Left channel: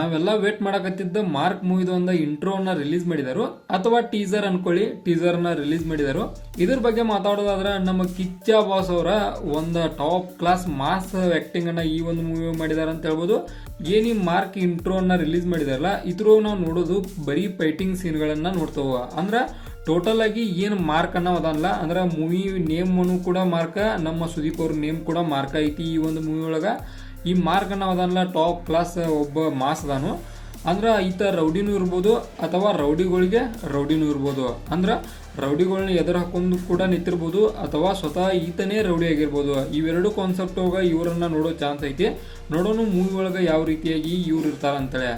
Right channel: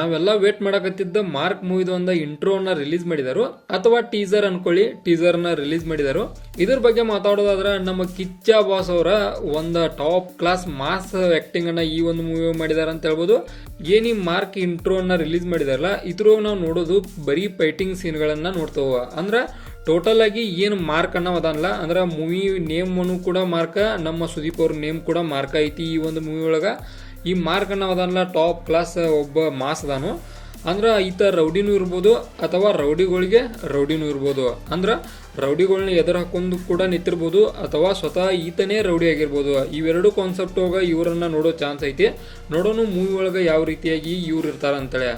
ನಾವೆಲ್ಲ wait ಮಾಡಕತ್ತಿದ್ದ mark ಮೂವಿದ ಒಂದು ಅನ್ನ ರಿಲೀಸ್ ಮಾಡಿದರು. ಅಥವಾ ಟೀಸರ್ ಅನ್ಕೊಳ್ಳಿ ಟೀಸರ್ನ ರಿಲೀಸ್ ಮಾಡಿದರು. ಇದ್ರ ಬಗ್ಗೆ ಮಾತಾಡೋದಾದ್ರೆ ನಮ್ಮ ಕಿಚ್ಚ ಬಾಸ್ ಅವರ ಒಂದು ಟಾಪ್ ಕ್ಲಾಸ್ ಮಾಸ್ ಆಕ್ಟಿಂಗ್ ಅನ್ನ ಈ ಒಂದು ಮೂವಿ ಮಾಡಿದಾರ ಅಂತ ಹೇಳ್ಬೋದು. ಏನಿ ಮಾರ್ಕ್ ಮಾರ್ಕ್ ಅನ್ನ ರಿಲೀಸ್ ಮಾಡಿದಾರಲ್ಲ, ಇದ್ರೂ ನಾವು ನೋಡೋದು ಬರೀ ಫೈಟಿಂಗ್ ಸೀನ್ಗಳನ್ನು ನೋಡ್ತಾವ ಅಂದ್ರೆ ಟೋಟಲ್ ಆಗಿ ಏನು ಮಾರ್ಕ್ ಅನ್ನೋ ಅದಲ್ಲ, ಅಂದ್ರೆ ಮೂವಿ ನೇಮ್ ಕೂಡ ಮಾರ್ಕ ನಮ್ಮ ಸುದೀಪ್ ಅವ್ರ ನೇಮ್ ಕೂಡ ಮಾರ್ಕ್ ಐತಿ ಈ ಒಂದು ಮೂವಿ ಒಳಗ. ಈ ಮಾರ್ಕ್ ಅದಲ್ಲ ಟಾಪ್ ಕ್ಲಾಸ್ ಒಬ್ಬ ಮಾಸ್ ಅದಾನು. ಅಂದ್ರೆ ಈತ ರೌಡಿನೂ ಇರ್ಬೋದು ಅಥವಾ ರೌಡಿಗಳಿಗೆ ರೌಡಿನೂ ಇರ್ಬೋದು. ಅಂದ್ರೆ ರೌಡಿಗಳನ್ನ ಎದುರು ಹಾಕೊಂಡು ಕೂಡ ನಿಂತಿರ್ಬೋದು ಅಥವಾ ಸ್ವತಃ ಈತನೇ ರೌಡಿ ಆಗಿರ್ಬೋದು. ಇವೆರಡು ಕಾನ್ಸೆಪ್ಟ್ ಹೋಗ ಇವರನ್ನ ನೋಡೋ ಚಾನ್ಸ್ ಐತಿ. ನೋಡೋನು ಮೂವಿ ಒಳಗೆ ಯಾವ ರೀತಿಯಾಗಿ ಇವ್ರು ಇರ್ತಾರ ಅಂತೇಳಿ.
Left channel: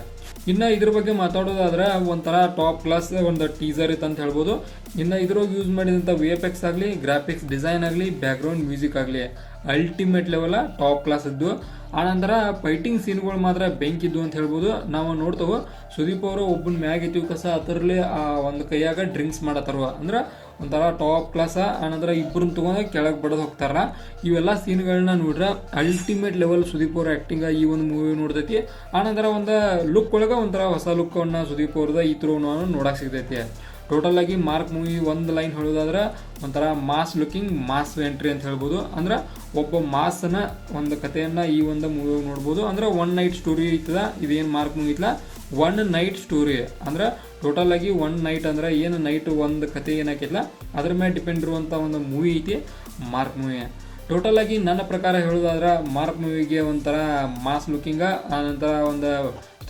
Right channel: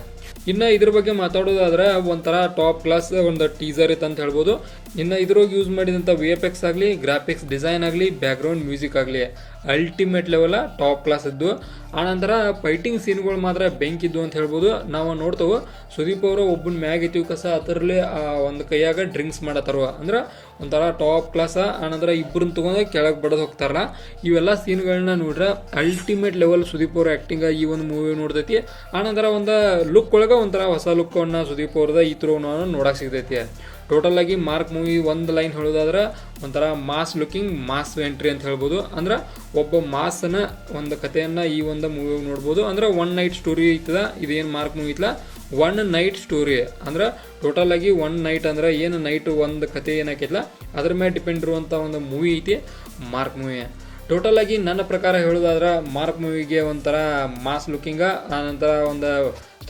ಇನ್ನು ಇದ್ರ ಬಗ್ಗೆ ಮಾತಾಡೋದಾದ್ರೆ ಒಂಥರ ಟಾಪ್ ಕ್ಲಾಸ್ ಒಂದು ಟೀಸರ್ ಇತ್ತು ಅಂತ ಹೇಳ್ಬೋದು. ಇನ್ನು ಇದ್ರೊಳಗೆ ಯೂಸ್ ಮಾಡಿದಂಥ ವಿ ಎಫ್ ಎಕ್ಸ್ ಆಗಲಿ ಗ್ರಾಫಿಕ್ಸ್ ಡಿಸೈನ್ ಆಗಲಿ ಬ್ಯಾಕ್ಗ್ರೌಂಡ್ ಮ್ಯೂಸಿಕ್ ಆಗಲಿ. ಅಲ್ಟಿಮೇಟ್ ಲೆವೆಲ ಟಾಪ್ ಕ್ಲಾಸ್ ಇದ್ದು. ಆನಂತರ ಫೈಟಿಂಗ್ ಸೀನ್ಗಳು ಮಾತ್ರ ಬೆಂಕಿ ಬೆಂಕಿದ್ದು ಅಂತ ಹೇಳ್ಬೋದು. ನಾವು ನೋಡ್ತೇವೆ, ಸುದೀಪ್ ಅವರು ಒಬ್ಬನ ಮ್ಯಾಗ್ ಇತ್ತು ಕಸ ಅದರಲ್ಲಿ, ಆ, ಒಂದು ಕೈಯಾಗ ಡ್ರಿಂಕ್ಸ್ ಮಾಡತ್ತಾರ ಅಂದ್ರೆ ಒಂಥರ ಟಾಪ್ ಕ್ಲಾಸ ಆನಂತರ ಇಬ್ಬರನ್ನ ತಗೊಂಡು ಕೆಳಗೆ ಬಡದು ಹೋಗ್ತಾರ. ಇವೆಲ್ಲ ಸೀನ್ಗಳನ್ನ ನೋಡ್ರೆ ಅಲ್ಟಿಮೇಟ್ ಲೆವೆಲ್ ಸುದೀಪ್ ಅವ್ರ ಆ್ಯಕ್ಟಿಂಗ ಈ ಒಂದು ಮೂವಿ ನೋಡ್ತೈತಿ. ಆನಂತರ ಒಂದು ಲುಕ್ ಒಳಗೆ ಒಂಥರ ಹೊಸ ಲುಕ್ಕನ್ನು ಸುದೀಪ್ ಅವ್ರದ ಈ ಥರ ನೋಡಕ್ಕೆ ಸಿಗ್ತೈತಿ. ಟೋಟಲ್ ಆಗಿ ಮಾರ್ಕ್ ಮೂವಿ ಒಂದು ಲೈನ್ ಹೇಳೋದಾದ್ರೆ ಒಂಥರ ಮಾಸ್ ಲುಕಿಂಗ್ ಮಾಸ್ ಎಂಟ್ರಿ ಅಂತ ಹೇಳ್ಬೋದು. ಅಂದ್ರೆ ಒಬ್ಬ ಮಾಸ್ನ ಒಂದು ಕಥೆಯನ್ನ ಈ ಒಂದು ಮೂವಿ ನೋಡ್ಬೋದು. ಅಂದ್ರೆ ಒನ್ ನೈಟ್ ಸ್ಟೋರಿ ಐತದ, ಇದೇನು ಮಾರ್ಕ್ ಮೂವಿ ಐತಲ್ಲ ಒನ್ ನೈಟ್ ಸ್ಟೋರಿ ಅಂದ್ರೆ ಟೋಟಲ್ ಆಗಿ ಒನ್ ನೈಟ್ ಅಂದ್ರೆ ಏನು ನೈಟ್ ಒಂದು ಕತೆ ಏನಾಕೈತಲ್ಲ ಅದ್ರ ಮೇಲೆ ಡಿಪೆಂಡ್ ಇರುವಂಥ ಒಂದು ಮೂವಿ ಐತಿ ಮಾರ್ಕ್ ಮೂವಿ ಟೋಟಲ್ ಆಗಿ ನನ್ನ ಪ್ರಕಾರ ಹೇಳೋದಾದ್ರೆ ಮಾರ್ಕ್ ಮೂವಿಗೆ ಒಂಥರ ಮಾಸ್ ಲುಕಿಂಗ ಆನಂತರ ಒಂದು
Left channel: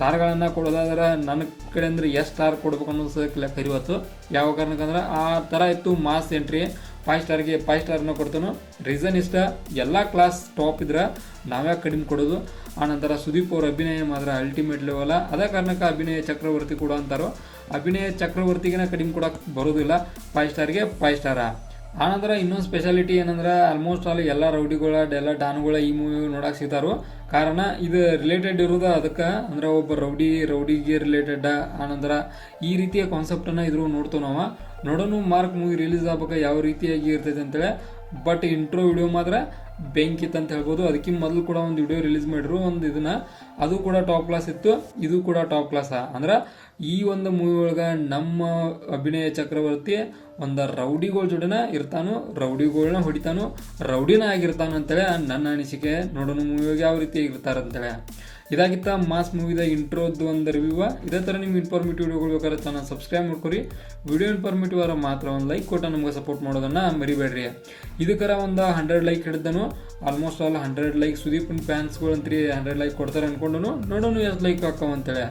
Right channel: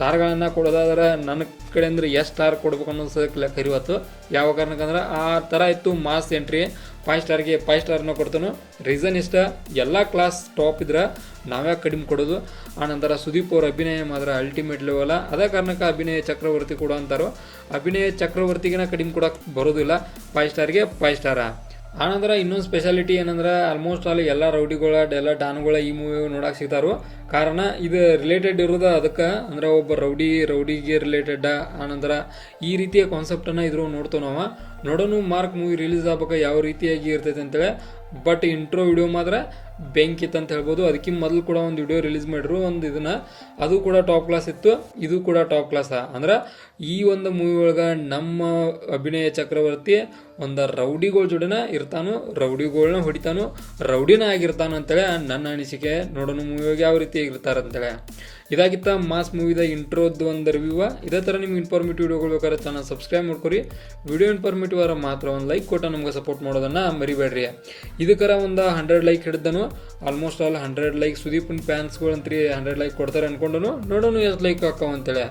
ಸ್ಟಾರ್ಗಳನ್ನು ಕೊಡೋದಾದ್ರೆ ನನ್ನ ಕಡೆ ಅಂದರೆ ಎಷ್ಟು ಸ್ಟಾರ್ ಕೊಡ್ಬೇಕು ಅನ್ನೋದು ಕರಿವತ್ತು ಯಾವ ಕಾರಣಕ್ಕಂದ್ರೆ ಆ ಥರ ಇತ್ತು ಮಾಸ್ ಎಂಟ್ರಿ. ಫೈವ್ ಸ್ಟಾರ್ಗೆ ಫೈವ್ ಸ್ಟಾರ್ನ ಕೊಡ್ತಾನು. ರೀಸನ್ ಇಷ್ಟ, ಎಲ್ಲ ಕ್ಲಾಸ್ ಟಾಪ್ ಇದ್ರೆ ನಾವೇ ಕಡಿಮೆ ಕೊಡೋದು. ಆನಂತರ ಸುದೀಪ್ ಅವ್ರ ಅಭಿನಯ ಮಾತ್ರ ಅಲ್ಟಿಮೇಟ್ ಲೆವೆಲ್ಲ ಅದೇ ಕಾರಣಕ್ಕೆ ಅಭಿನಯ ಚಕ್ರವರ್ತಿ ಕೂಡ ಅಂತಾರೋ. ಅಭಿನಯ ಚಕ್ರವರ್ತಿಗಿನ ಕಡಿಮೆ ಕೊಡೋಕೆ ಬರೋದಿಲ್ಲ. ಫೈವ್ ಸ್ಟಾರ್ಗೆ ಫೈವ್ ಸ್ಟಾರ. ಆನಂತರ ಇನ್ನೊಂದು ಸ್ಪೆಷಾಲಿಟಿ ಏನಂದ್ರೆ ಆಲ್ಮೋಸ್ಟ್ ಆಲ್ ಎಲ್ಲ ರೌಡಿಗಳ, ಎಲ್ಲ ಡಾನ್ಗಳ ಈ ಮೂವಿ ನೋಡಕ್ಕೆ ಸಿಗ್ತಾರೋ. ಕಾರಣ ಇದು ರಿಲೇಟೆಡ್ ಇರೋದು ಅದಕ್ಕೆ ಅಂದ್ರೆ ಒಬ್ಬ ರೌಡಿ, ರೌಡಿಗೆ ರಿಲೇಟೆಡ್ ಆನಂದ್ರ ಈ ರೀತಿಯ ಕಾನ್ಸೆಪ್ಟನ್ನು ಇದ್ರು ನೋಡ್ತೇವೆ ನಾವು. ನೋಡೋನು ಮಾರ್ಕ್ ಮೂವಿ ರಿಲೀಸ್ ಆಗ್ಬೇಕು ಯಾವ ರೀತಿಯಾಗಿ ಇರ್ತೈತೆ ಅಂತೇಳಿ. ಬಟ್ ಇಂಟ್ರೋ ವಿಡಿಯೋ ಮಾತ್ರ ಬೆಂಕಿ ಅಂತ ಹೇಳ್ಬೋದು. ಅದಕ್ಕಿಂತ ಮೊದಲು ಕೂಡ ಒಂದು ವಿಡಿಯೋ ರಿಲೀಸ್ ಮಾಡಿದ್ರು, ಒಂದು ಇದನ್ನ. ಅದು ಕೂಡ ಟಾಪ್ ಕ್ಲಾಸ್ ಇತ್ತು. ಇದು ಕೂಡ ಟಾಪ್ ಕ್ಲಾಸ್ ಅಂದ್ರೆ ಈ ಒಂದು ಮೂವಿ ಒಳಗೆ ನಮ್ಮ ಅಭಿನಯ ಚಕ್ರವರ್ತಿ ಒಂದು ರೌಡಿಗಳ ಜೋಡಿನ ಇರ್ತಾನು ರೌಡಿಗಳನ್ನ ಹೊಡಿತಾನು, ರೌಡಿನ ಆಗಿರ್ತಾನು ಅಂತೇಳಿ ನನ್ನ ಅನಿಸಿಕೆ. ನೋಡೋಣ ಮೂವಿಯೊಳಗೆ ಯಾವ ರೀತಿ ಇರ್ತಾರೆ ಅಂತೇಳಿ ಇದಾಗಿತ್ತ ಮಾಸ್ ಮೂವಿದ ಇಂಟ್ರೋದ್ದು ಒಂದು ರಿವ್ಯೂವ ಇದೇ ಥರ ನಿಮ್ಗೆ ಇನ್ಫಾರ್ಮೇಟಿವ್ ವಿಡಿಯೋಗಳು ಬೇಕಾದ್ರೆ ಚಾನಲ್ ಸಬ್ಸ್ಕ್ರೈಬ್ ಮಾಡ್ಕೊರಿ. ವಿಡಿಯೋ ಇನ್ಫಾರ್ಮೇಟಿವ್ ಆರ ಮಾತ್ರ ಒಂದು ಲೈಕ್ ಕೊಟ್ಟ ನಮ್ಗೆ ಸಪೋರ್ಟ್ ಮಾಡೋದನ್ನ ಮರಿಬೇಡ್ರಿ. ಇದಕ್ಕರ ಒಂದು ಹಂಡ್ರೆಡ್ ಲೈಕ್ ಹಿಡಿದನು. ಆಲ್ಮೋಸ್ಟ್ ಆಲ್ ಹಂಡ್ರೆಡ್ ಲೈಕ್ ಸುದೀಪನ್ ಅಂತೀ ಹಂಡ್ರೆಡ್ ಲೈಕ್ ಕೊಡ್ತಾರೆ ಅನ್ಕೊಂಡನು. ನೋಡೋಣ ಎಷ್ಟು ಲೈಕ್ ಹಾಕೋ ಅಂತೇಳಿ.